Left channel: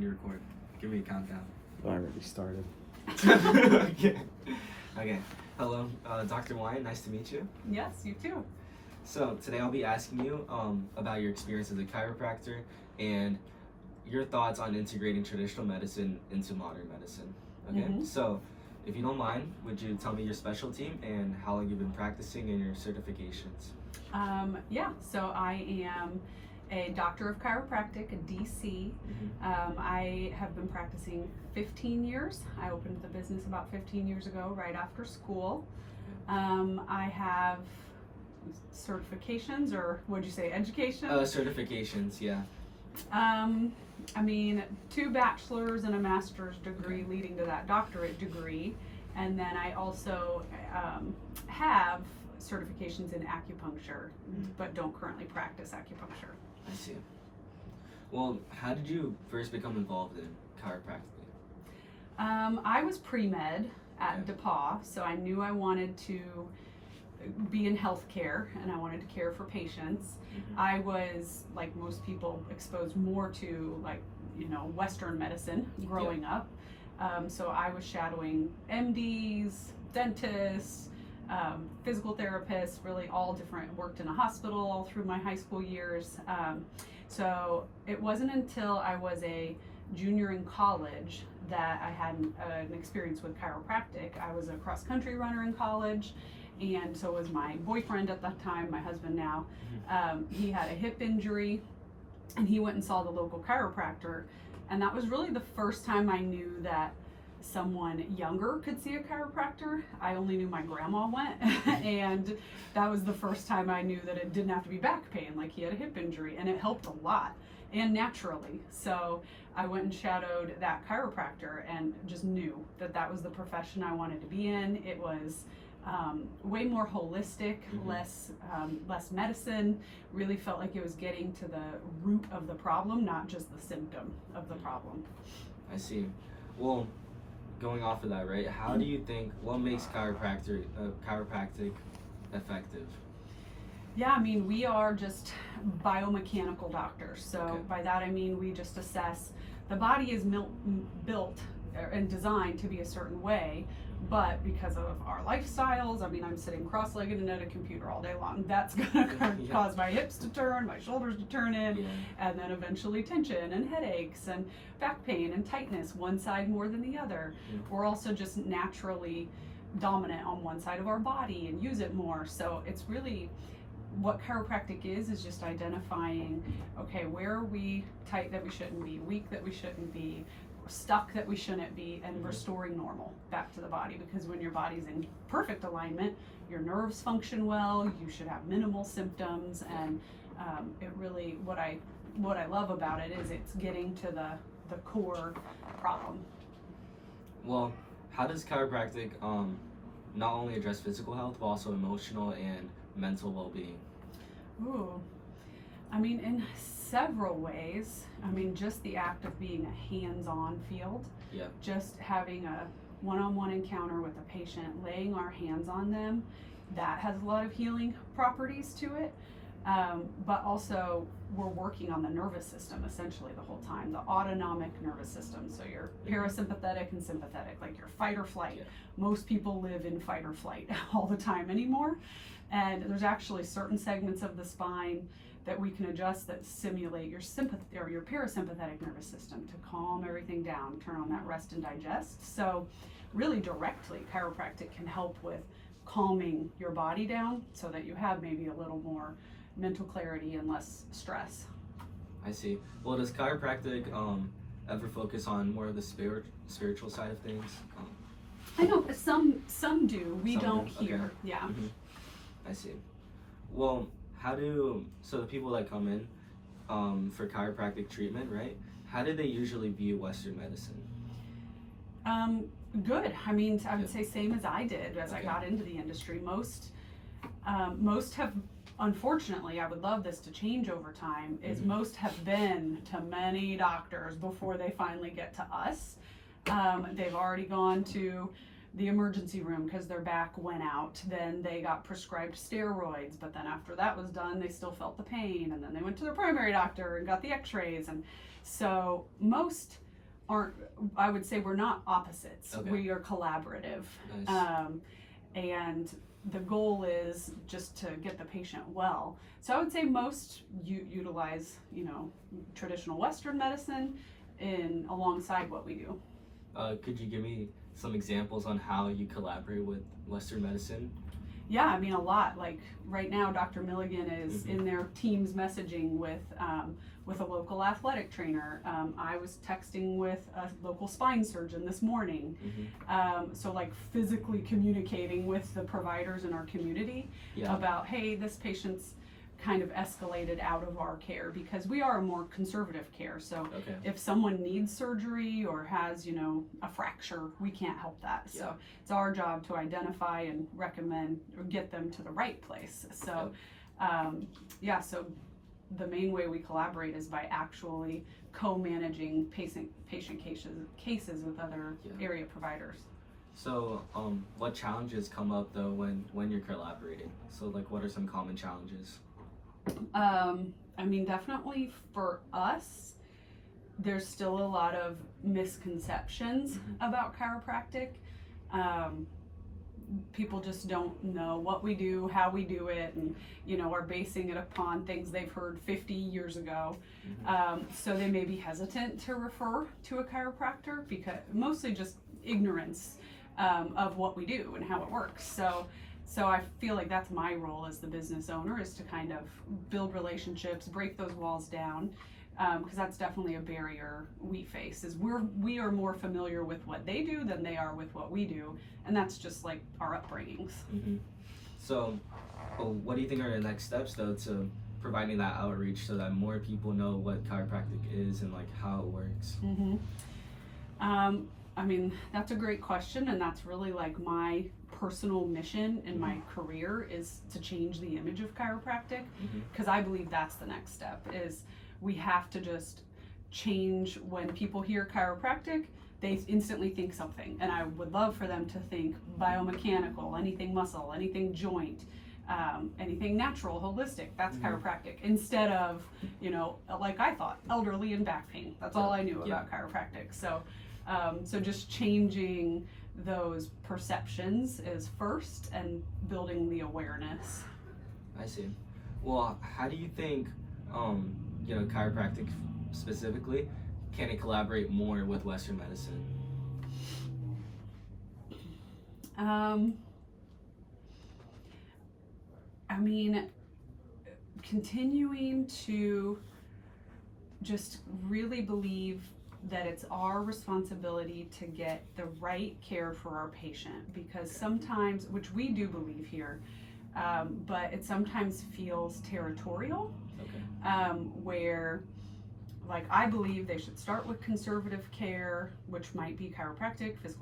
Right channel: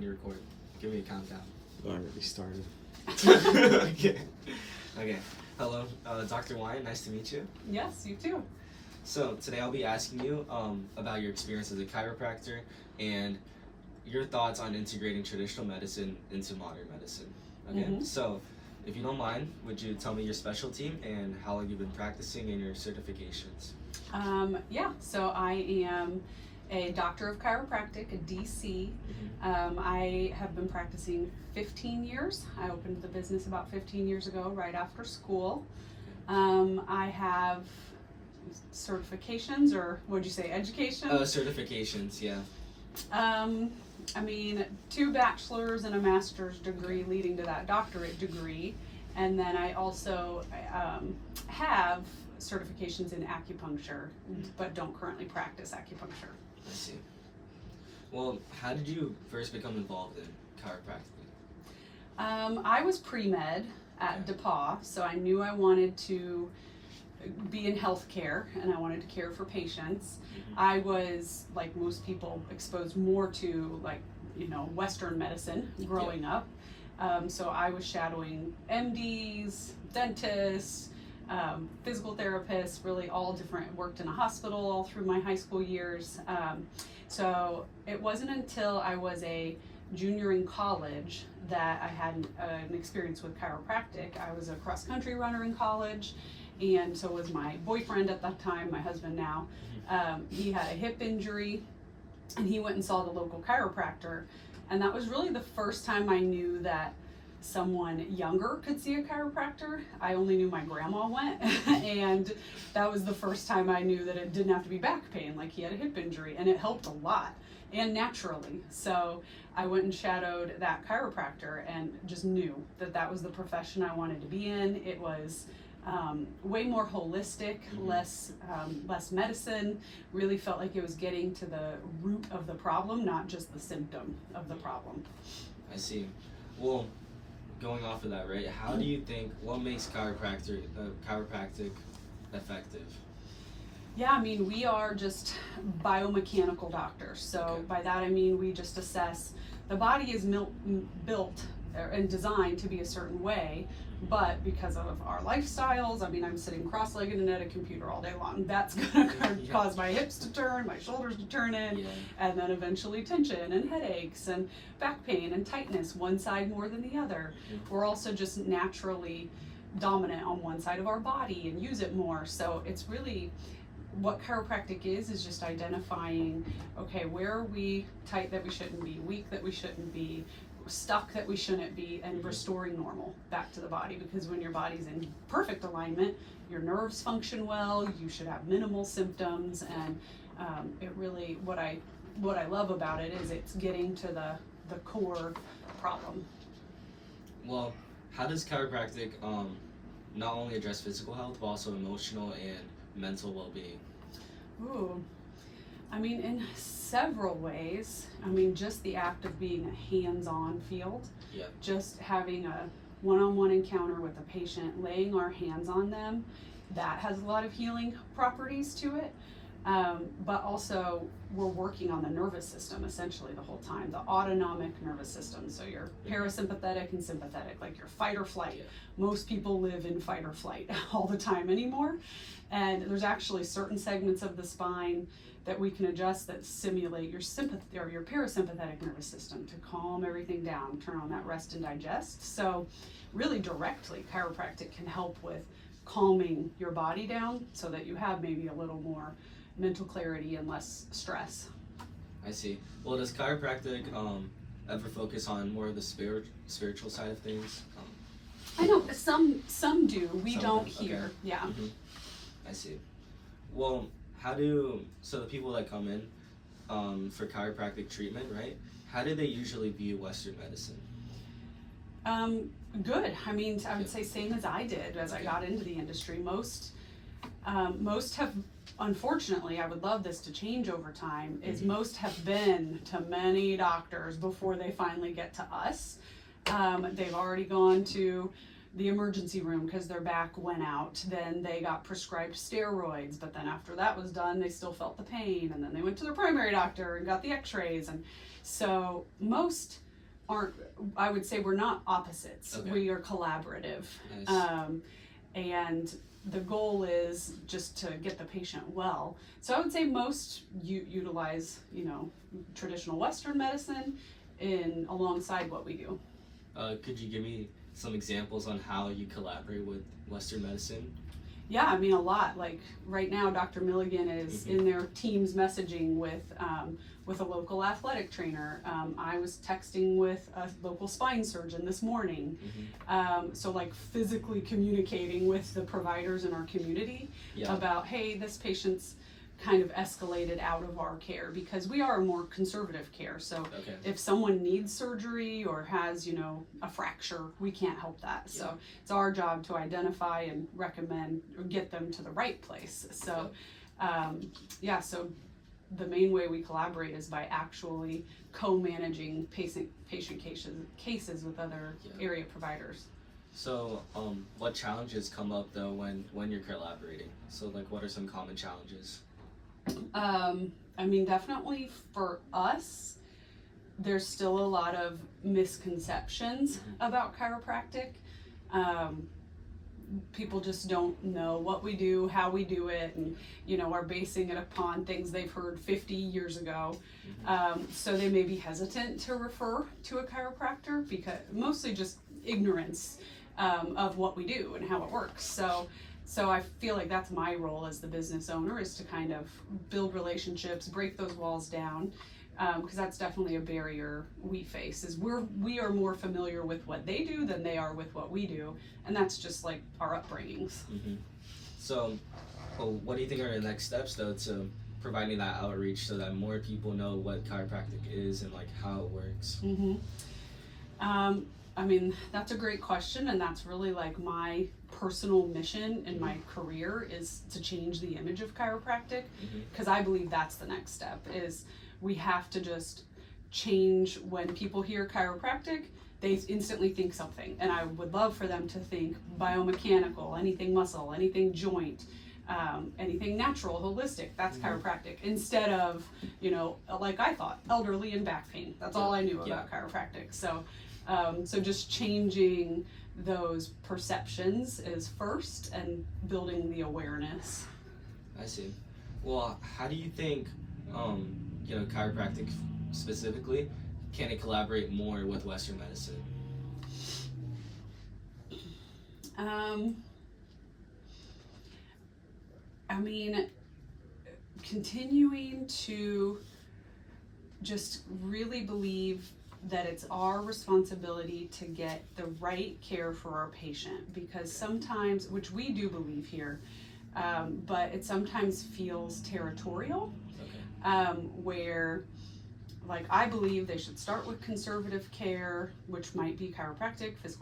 You record. Give me a countdown. I already started. Okay. Hello, Dr. Wiyant. Nice to meet you. Yes, you too. So today I'll be asking you about your experience as a chiropractor and your thoughts on integrating traditional medicine into modern medicine. Okay. Mhm. So, if you don't mind, would you tell me your specialty and how long you've been practicing and your certifications? So I am a doctor of chiropractic, a DC. Mm-hmm. I have been practicing 15 years. I opened the business about 15 years ago, right after school. I have certifications, or would you say education? Certifications, yeah. I mean, 2 bachelor's and a master's degree leading to that doctorate degree. And then I also have certifications in acupuncture, but don't currently practice acupuncture. I see. Well, how did you first become involved in chiropractic? I was pre-med at DePauw, so I knew I wanted to be in healthcare and I wanted to care for patients. Mm-hmm. I was, like most people, exposed more to Western medicine growing up. So I was shadowing MDs, dentists, physical therapists, really all different, worked in a hospital all through my high school years. So it wasn't until I was a junior in college that I had an experience with chiropractic. I was a cross-country runner in college, and so was my boyfriend at that time, my husband now. He had a hip injury, and he went and saw the local chiropractor, and that was really the first time I knew that someone younger could see a chiropractor. I only knew my grandma went, and that was the first time I knew that it didn't have to be back pain, like he had a hip injury, and it helped a lot, and naturally. So I went and shadowed that chiropractor and just knew that that was the profession I wanted to be in. It was way more holistic, less medicine. Really felt like it was getting to the root of the problem, not just the symptom of the problem. I see. Well, going off of that, right? How do you think, what makes chiropractic effective? Yeah, I mean, we are just biomechanical doctors. So Okay. by that I mean we just assess the body is built and designed to be a certain way, but because of our lifestyles, I mean, I'm sitting cross-legged and at a computer all day long. That's gonna Yeah. cause my hips to turn, my shoulders to turn in, Yeah. and then eventually tension and headaches and back pain and tightness, one side more than the other. Mhm. We're also just naturally dominant on one side of our body and use it more. So it's really, what chiropractic is just identifying, okay, where are we tight that we shouldn't be, weak that we shouldn't be, stuck that we shouldn't be, and restoring normal back to the body. Because when your body's in perfect alignment, your nerves function well, you should have minimal symptoms, and it really, what I love about it is it's getting to the core problem. Well, how does chiropractic not only address physical health, but also emotional and mental well-being? Ooh, I mean, in several ways. I mean, just the act of being a hands-on field, Yeah. just having a one-on-one encounter with a patient, laying our hands on them, that has a lot of healing properties to it. But also, we're working on the nervous system essentially the whole time, the autonomic nervous system. So your parasympathetic and sympathetic, like your fight or flight. Yeah. Most people live in fight or flight all the time anymore. And there's actually certain segments of the spine that we can adjust that simulate your sympathy or your parasympathetic nervous system to calm everything down, turn on that rest and digest. So really directly, chiropractic can help with calming your body down so that you have maybe a little more mental clarity and less stress. I see. Well, does chiropractic ever focus on more of the spiritual side of things? I know some do. We Some don't do, here. okay. Yeah. Mm-hmm. I see. Well, so the people that come in for chiropractic treatment, right? How do they usually view Western medicine? Good. I mean, I would Yeah. say same as I did as I Okay. got into the industry. Most have, unfortunately, I would love this to change over time, is Mhm. most have been to many doctors before they finally get to us. They've already gone to the emergency room because their back went out. Then they got prescribed steroids, but then after that was done, they still felt the pain. And then they went to their primary doctor and got the x-rays. And so most aren't, I would say we're not opposites. Okay. We are collaborative. Nice. And the goal is just to get the patient well. So I would say most utilize, traditional Western medicine alongside what we do. Could you give me some examples on how you collaborate with Western medicine? Yeah, I mean, a lot. Like right now, Dr. Milligan is in their Teams messaging with a local athletic trainer. I was texting with a local spine surgeon this morning. So like physically communicating with the providers in our community about, hey, this patient's kind of escalated out of our care, because we are a more conservative care. So if someone needs surgery or has, a fracture, we can't help that. So it's our job to identify and recommend or get them to the right place. So so the main way we collaborate is by actually co-managing patient cases with other area providers. So what challenges come up though when you're collaborating? So like what are some common challenges? I mean, definitely for us, there's still a lot of misconceptions about chiropractic. People just don't know what we do, how we do it, and are basing it upon things they've heard 50 years ago. So they may be hesitant to refer to a chiropractor, because mostly just ignorance of what we do and how it works. So I feel like that's my role as the business owner, is to kind of build relationships, break those walls down, because that's definitely a barrier we face. Is we are more familiar with what they do than they are with what we do, and that's just like our upbringings. So, what do you think are the next steps though to providing that outreach so that more people know what chiropractic is and like how it works? I mean, that's a great question, and that's really like my personal mission in my career, is to change the image of chiropractic, because I believe that's the next step. Is we have to just change. When people hear chiropractic, they instantly think something, and I would love for them to think biomechanical, anything muscle, anything joint, anything natural, holistic, that's chiropractic, instead of, like I thought, elderly and back pain. That's all I knew about chiropractic. So just changing those perceptions is first, and building the awareness. I see. Well, how do you think, chiropractic specifically, can it collaborate more with Western medicine? I mean, continuing to just really believe that it's our responsibility to get the right care for our patient, because sometimes, which we do believe here, but it sometimes feels territorial, where, like, I believe they should start with conservative care, which might be chiropractic, physical